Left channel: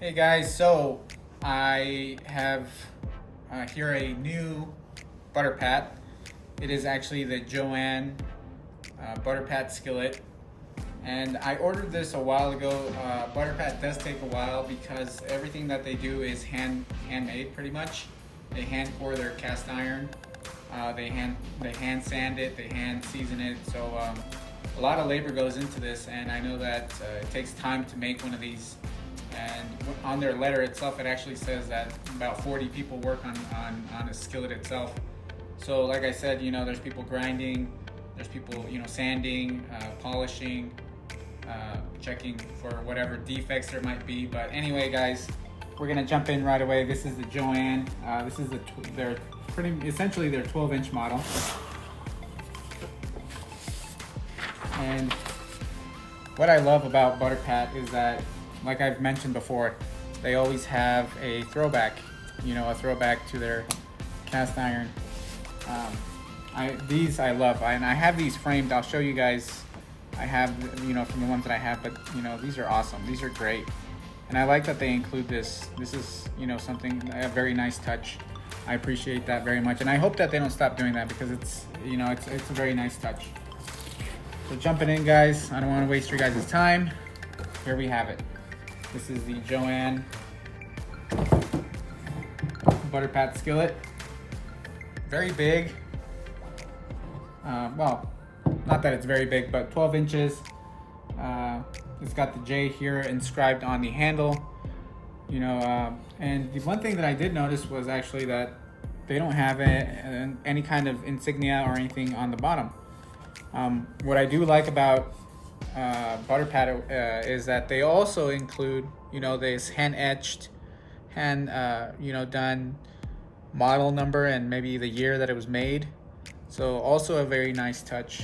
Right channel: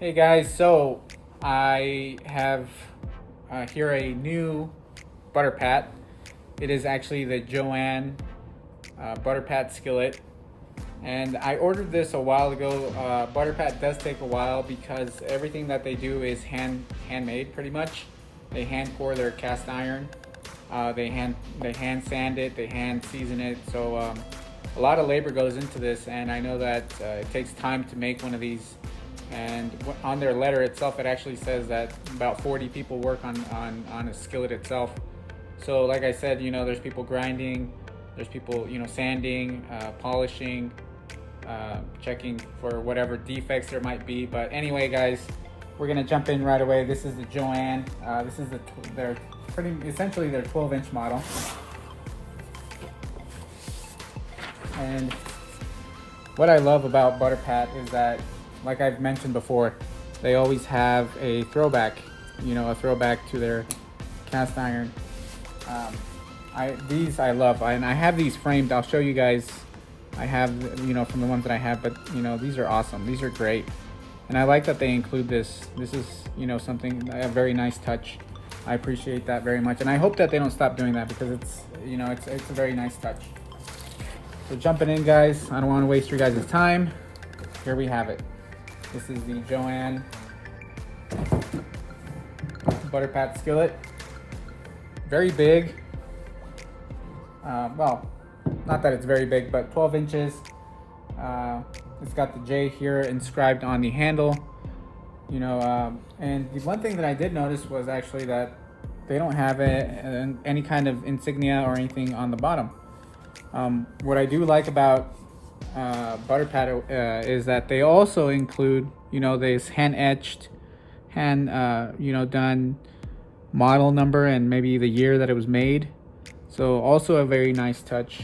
Hey guys, so I have here a new ButterPat. It is actually the Joan ButterPat Skillet, and I ordered this a while ago. ButterPat does take a while because everything that they do is handmade pretty much. They hand pour their cast iron, they hand sand it, they hand season it. So a lot of labor goes into this, and I know that it takes time to make one of these. And on their letter itself, it actually says that about 40 people work on a skillet itself. So like I said, there's people grinding, there's people, sanding, polishing, checking for whatever defects there might be. But anyway, guys, we're gonna jump in right away. This is the Joan. This is essentially their 12-inch model. And what I love about ButterPat is that, like I've mentioned before, they always have a throwback, a throwback to their cast iron. These I love, and I have these framed. I'll show you guys. I have, from the ones that I have, but these are awesome. These are great, and I like that they include this. This is, something, a very nice touch. I appreciate that very much, and I hope that they don't stop doing that because it's, it's a very nice touch. So jumping in, guys. I don't want to waste your guys' time. Here we have it. This is the Joan ButterPat Skillet. Very big. Well, not that it's very big, but 12 inches. It's got the J here inscribed on the handle. And the one thing that I did notice was actually that they don't have any kind of insignia or anything on the bottom. What I do like about ButterPat is that they also include, this hand-etched, done model number and maybe the year that it was made. So also a very nice touch.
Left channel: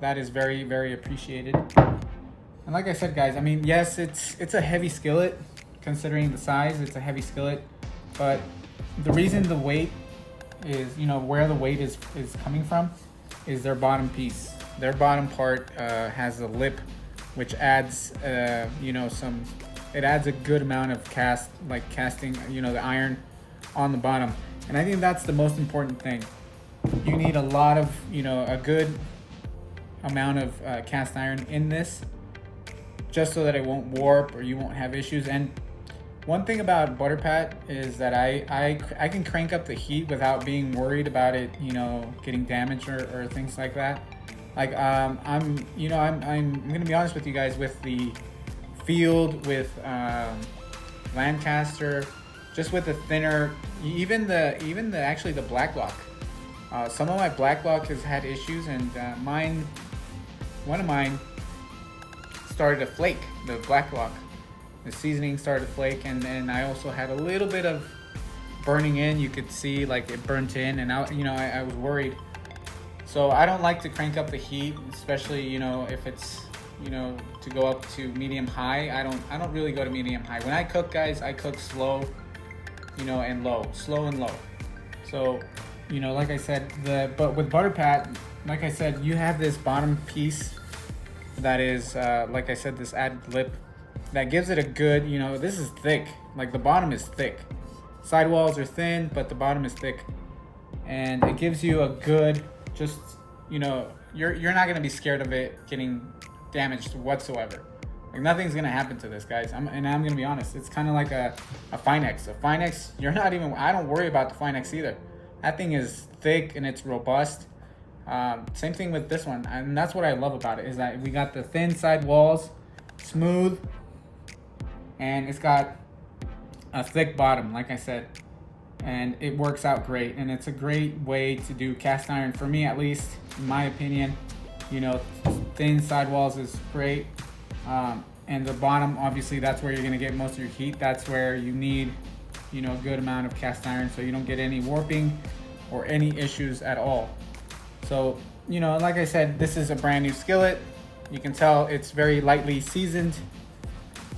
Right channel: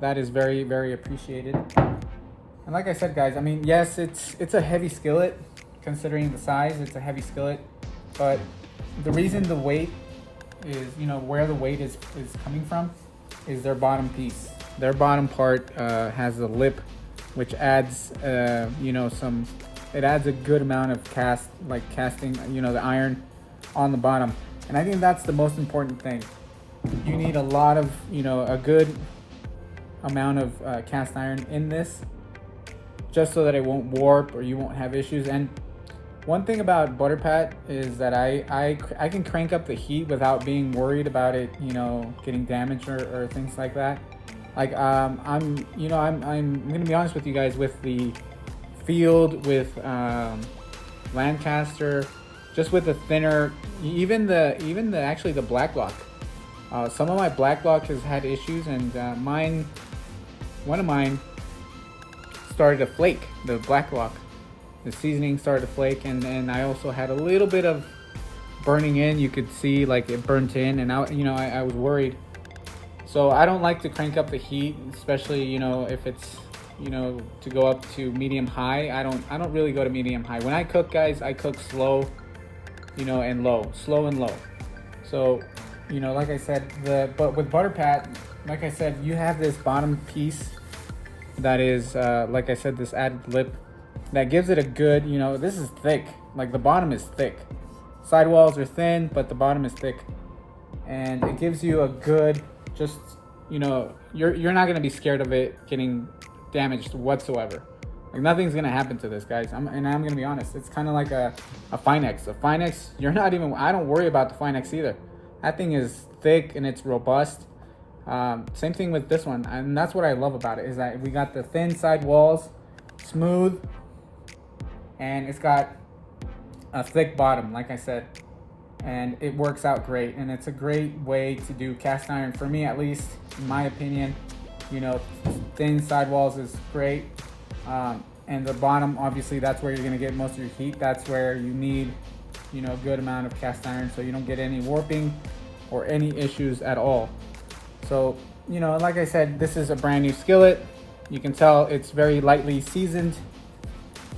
That is very, very appreciated. And like I said, guys, I mean, yes, it's a heavy skillet considering the size. It's a heavy skillet, but the reason the weight is, where the weight is coming from is their bottom piece. Their bottom part has a lip, which adds, it adds a good amount of casting, the iron on the bottom. And I think that's the most important thing. You need a lot of, a good amount of cast iron in this, just so that it won't warp or you won't have issues. And one thing about ButterPat is that I can crank up the heat without being worried about it, getting damaged or things like that. Like I'm gonna be honest with you guys, with the Field, with Lancaster, just with the thinner, even actually the Black Lock. Some of my Black Lock has had issues, and one of mine started to flake. The Black Lock, the seasoning started to flake, and I also had a little bit of burning in. You could see like it burnt in, and I was worried. So I don't like to crank up the heat, especially if it's to go up to medium high. I don't really go to medium high. When I cook, guys, I cook slow, and low, slow and low. So like I said, but with ButterPat, like I said, you have this bottom piece that is like I said, this added lip that gives it a good, this is thick. Like the bottom is thick. Sidewalls are thin, but the bottom is thick, and it gives you a good, just you're not gonna be scared of it getting damaged whatsoever. Like nothing's gonna happen to this, guys. I'm gonna be honest. It's kind of like a Finex. A Finex, I don't worry about the Finex either. That thing is thick and it's robust. Same thing with this one, and that's what I love about it, is that we got the thin side walls, smooth, and it's got a thick bottom, like I said, and it works out great. And it's a great way to do cast iron, for me at least, in my opinion. Thin sidewalls is great, and the bottom, obviously, that's where you're gonna get most of your heat. That's where you need, a good amount of cast iron, so you don't get any warping or any issues at all. So, like I said, this is a brand new skillet. You can tell it's very lightly seasoned.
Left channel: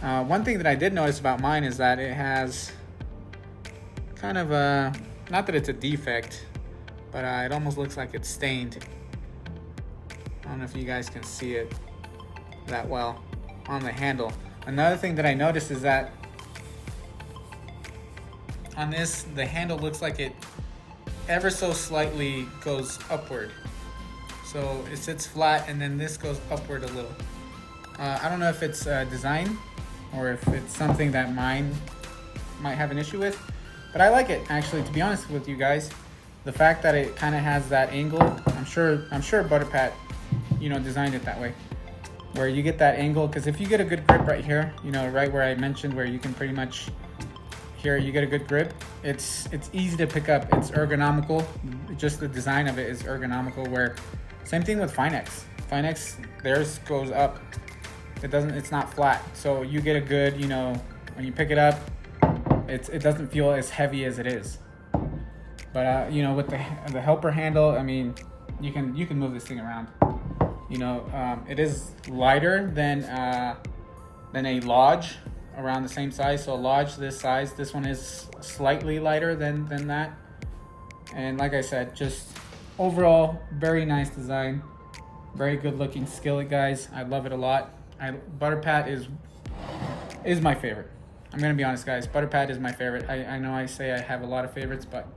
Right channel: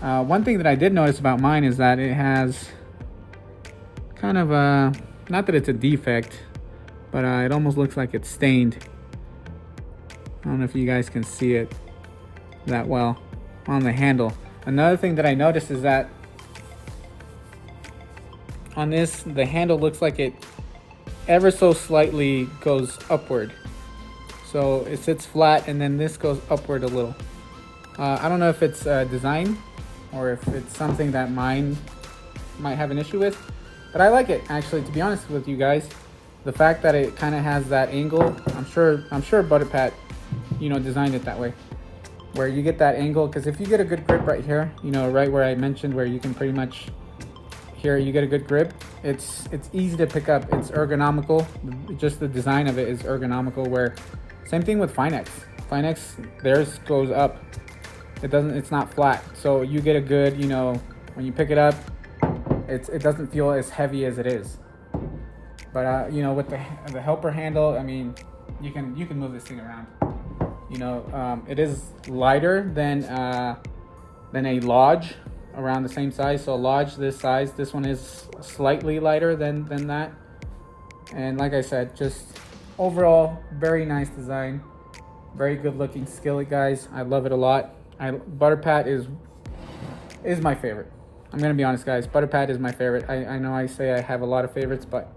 One thing that I did notice about mine is that it has kind of a, not that it's a defect, but it almost looks like it's stained. I don't know if you guys can see it that well on the handle. Another thing that I noticed is that on this, the handle looks like it ever so slightly goes upward. So it sits flat and then this goes upward a little. I don't know if it's design or if it's something that mine might have an issue with, but I like it actually, to be honest with you guys. The fact that it kind of has that angle, I'm sure ButterPat, you know, designed it that way, where you get that angle, because if you get a good grip right here, you know, right where I mentioned where you can pretty much, here you get a good grip, it's easy to pick up, it's ergonomical, just the design of it is ergonomical, where same thing with Finex, theirs goes up, it's not flat, so you get a good, you know, when you pick it up, it doesn't feel as heavy as it is. But you know, with the helper handle, I mean, you can move this thing around. You know, it is lighter than a Lodge around the same size. So a Lodge this size, this one is slightly lighter than that. And like I said, just overall very nice design, very good looking skillet, guys. I love it a lot. ButterPat is my favorite. I'm gonna be honest, guys. ButterPat is my favorite. I know I say I have a lot of favorites, but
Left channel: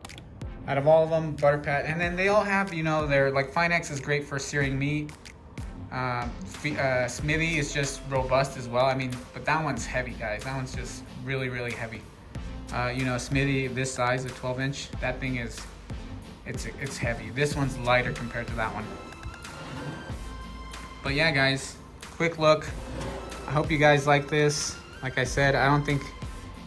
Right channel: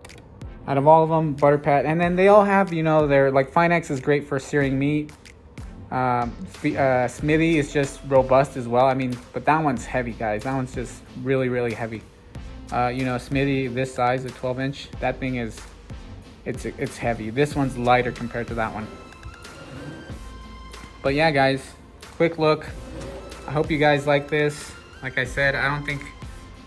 out of all of them, ButterPat, and then they all have, you know, they're like, Finex is great for searing meat. Smithy is just robust as well. I mean, but that one's heavy, guys. That one's just really, really heavy. You know, Smithy this size, a 12-inch, that thing is, it's heavy. This one's lighter compared to that one. But yeah, guys, quick look. I hope you guys like this. Like I said, I don't think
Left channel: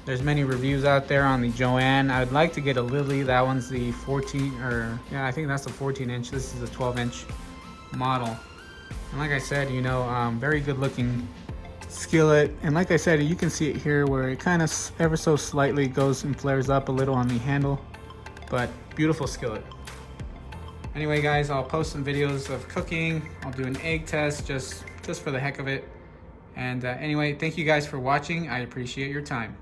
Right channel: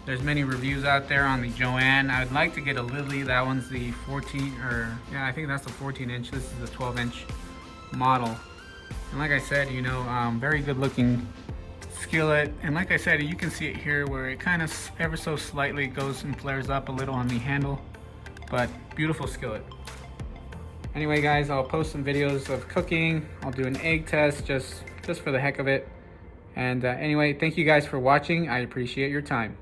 there's many reviews out there on the Joan. I'd like to get a Lily. That one's the 14, or yeah, I think that's the 14-inch. This is the 12-inch model. And like I said, you know, very good looking skillet. And like I said, you can see it here where it kind of ever so slightly goes and flares up a little on the handle, but beautiful skillet. Anyway, guys, I'll post some videos of cooking. I'll do an egg test just for the heck of it. And anyway, thank you guys for watching. I appreciate your time.